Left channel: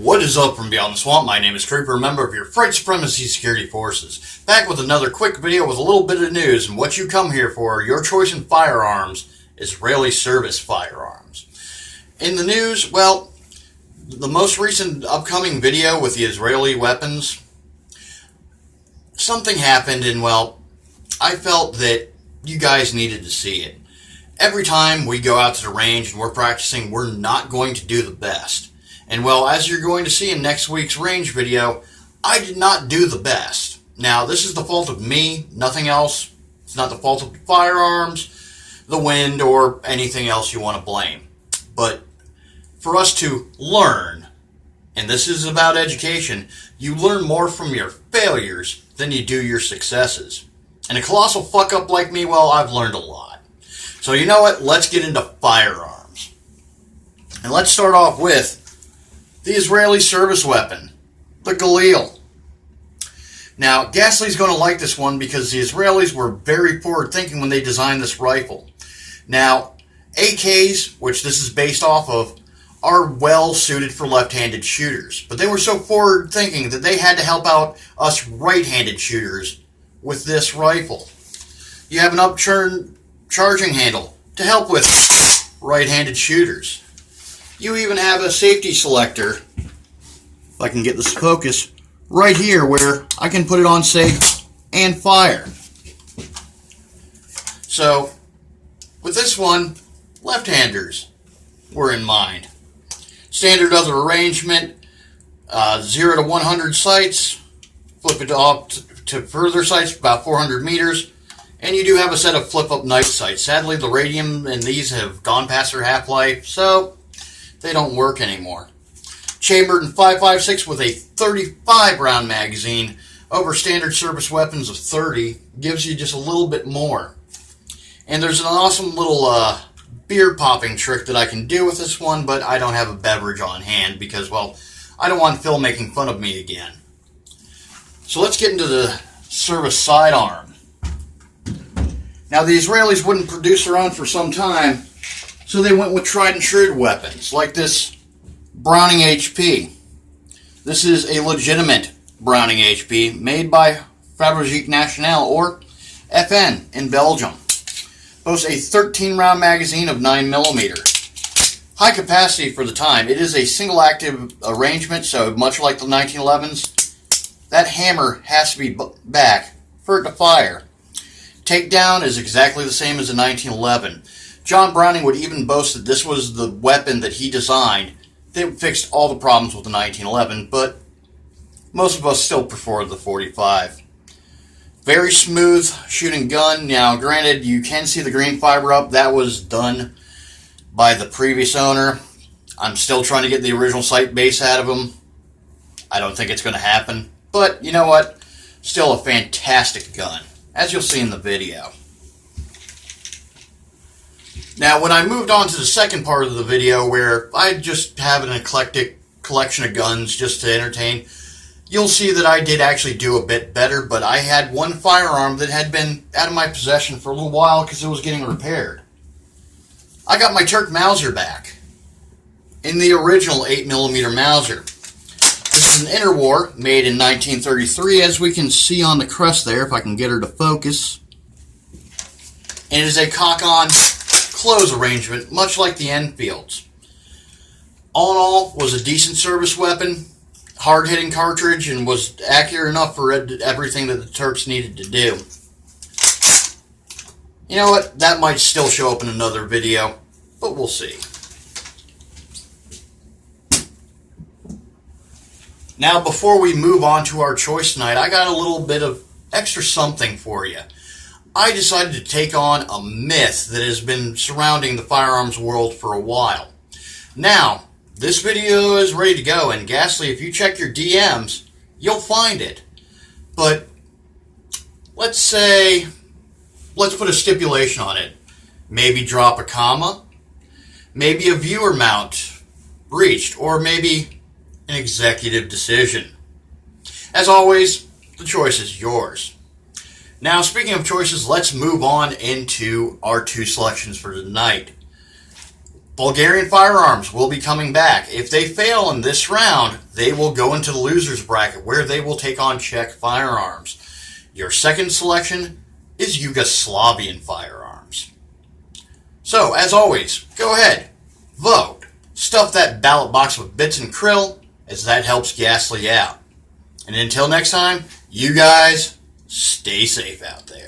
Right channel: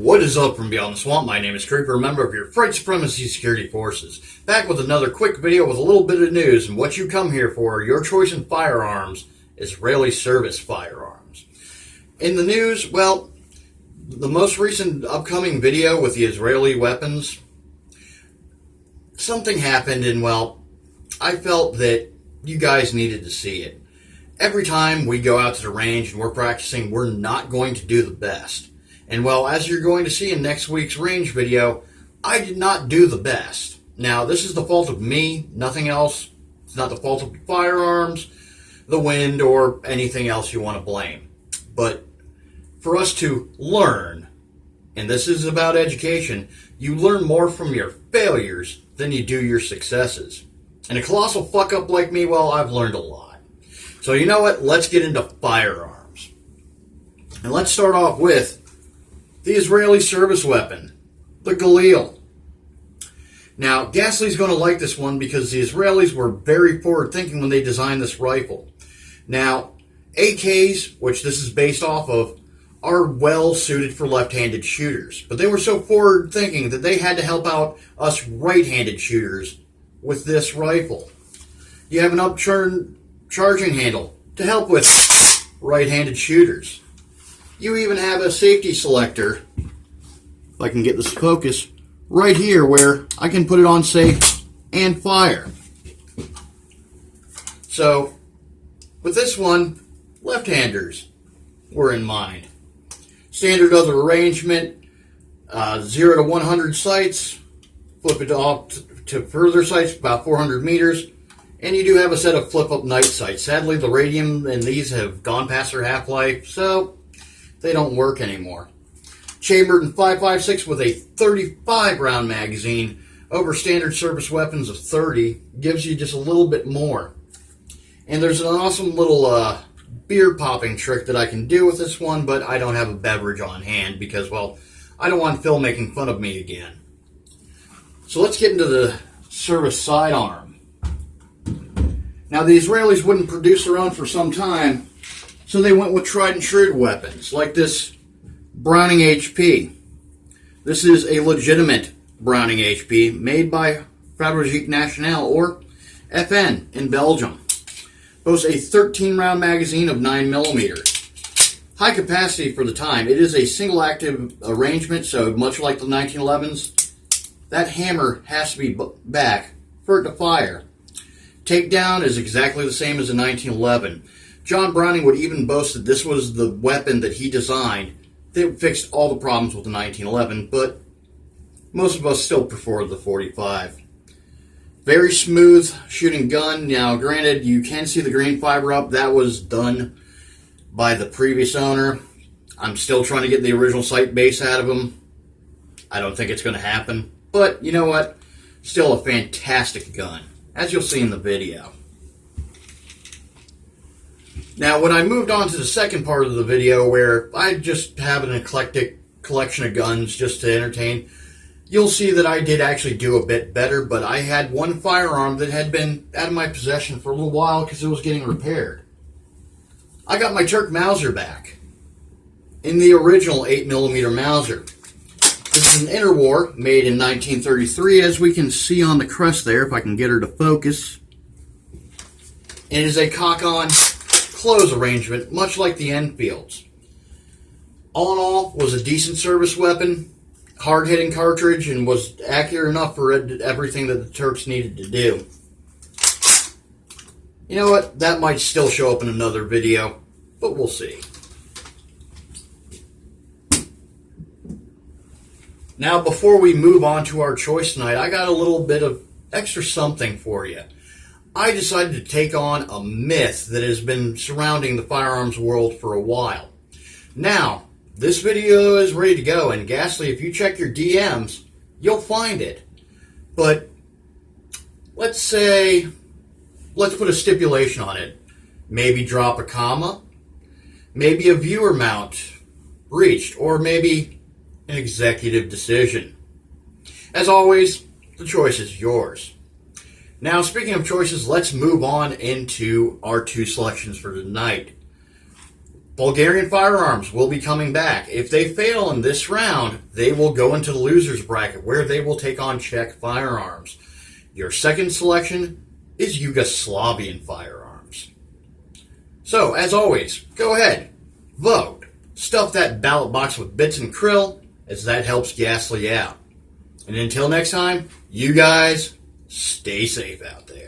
What is up from beyond the swamp? My name is Creeper, a member of your Fright Supremacy Security Forces. Back with another quick video with a little bit of news, and what you come here for, your choice in firearms, Israeli service firearms. In the news, well, the most recent upcoming video with the Israeli weapons, something happened and, well, I felt that you guys needed to see it. Every time we go out to the range and we're practicing, we're not going to do the best. And well, as you're going to see in next week's range video, I did not do the best. Now, this is the fault of me, nothing else. It's not the fault of the firearms, the wind, or anything else you want to blame. But for us to learn, and this is about education, you learn more from your failures than you do your successes. And a colossal fuck up like me, well, I've learned a lot. So you know what? Let's get into firearms. And let's start off with the Israeli service weapon, the Galil. Now, Gasly's going to like this one because the Israelis were very forward thinking when they designed this rifle. Now, AKs, which this is based off of, are well suited for left-handed shooters. But they were so forward thinking that they had to help out us right-handed shooters with this rifle. You have an upturned charging handle to help with right-handed shooters. You even have a safety selector, if I can get this focus, right here where I can put it on safe and fire. So, with this one, left-handers were in mind. Standard other arrangement, 0 to 100 sights, flip it off to further sights, about 400 meters, and you do have a set of flip-up night sights. Sadly, the radium in these have gone past their half-life, so they don't work anymore. Chambered in 5.56 with a 35 round magazine over standard service weapons of 30 gives you just a little bit more. And there's an awesome little beer popping trick that I can do with this one, but I don't have a beverage on hand because, well, I don't want Phil making fun of me again. So let's get into the service sidearm. Now, the Israelis wouldn't produce their own for some time, so they went with tried and true weapons, like this Browning HP. This is a legitimate Browning HP made by Fabrique Nationale, or FN, in Belgium. Boasts a 13-round magazine of 9mm. High capacity for the time. It is a single-active arrangement, so much like the 1911s, that hammer has to be back for it to fire. Takedown is exactly the same as a 1911. John Browning would even boast that this was the weapon that he designed that fixed all the problems with the 1911, but most of us still prefer the 45. Very smooth shooting gun. Now, granted, you can see the green fiber up. That was done by the previous owner. I'm still trying to get the original sight base out of him. I don't think it's going to happen, but you know what? Still a fantastic gun, as you'll see in the video. Now, when I moved on to the second part of the video, where I just have an eclectic collection of guns just to entertain, you'll see that I did actually do a bit better, but I had one firearm that had been out of my possession for a little while because it was getting repaired. I got my Turkish Mauser back in the original 8mm Mauser. This is an interwar made in 1933, as we can see on the crest there, if I can get her to focus. And it is a cock-on close arrangement, much like the Enfields. All in all, was a decent service weapon, hard-hitting cartridge, and was accurate enough for everything that the Turks needed to do. You know what? That might still show up in another video, but we'll see. Now, before we move on to our choice tonight, I got a little bit of extra something for you. I decided to take on a myth that has been surrounding the firearms world for a while. Now, this video is ready to go, and Ghastly, if you check your DMs, you'll find it. But let's put a stipulation on it. Maybe drop a comma, maybe a viewer mount breached, or maybe an executive decision. As always, the choice is yours. Now, speaking of choices, let's move on into our two selections for tonight. Bulgarian firearms will be coming back. If they fail in this round, they will go into the loser's bracket where they will take on Czech firearms. Your second selection is Yugoslavian firearms. So, as always, go ahead, vote. Stuff that ballot box with bits and krill, as that helps Ghastly out. And until next time, you guys stay safe out there.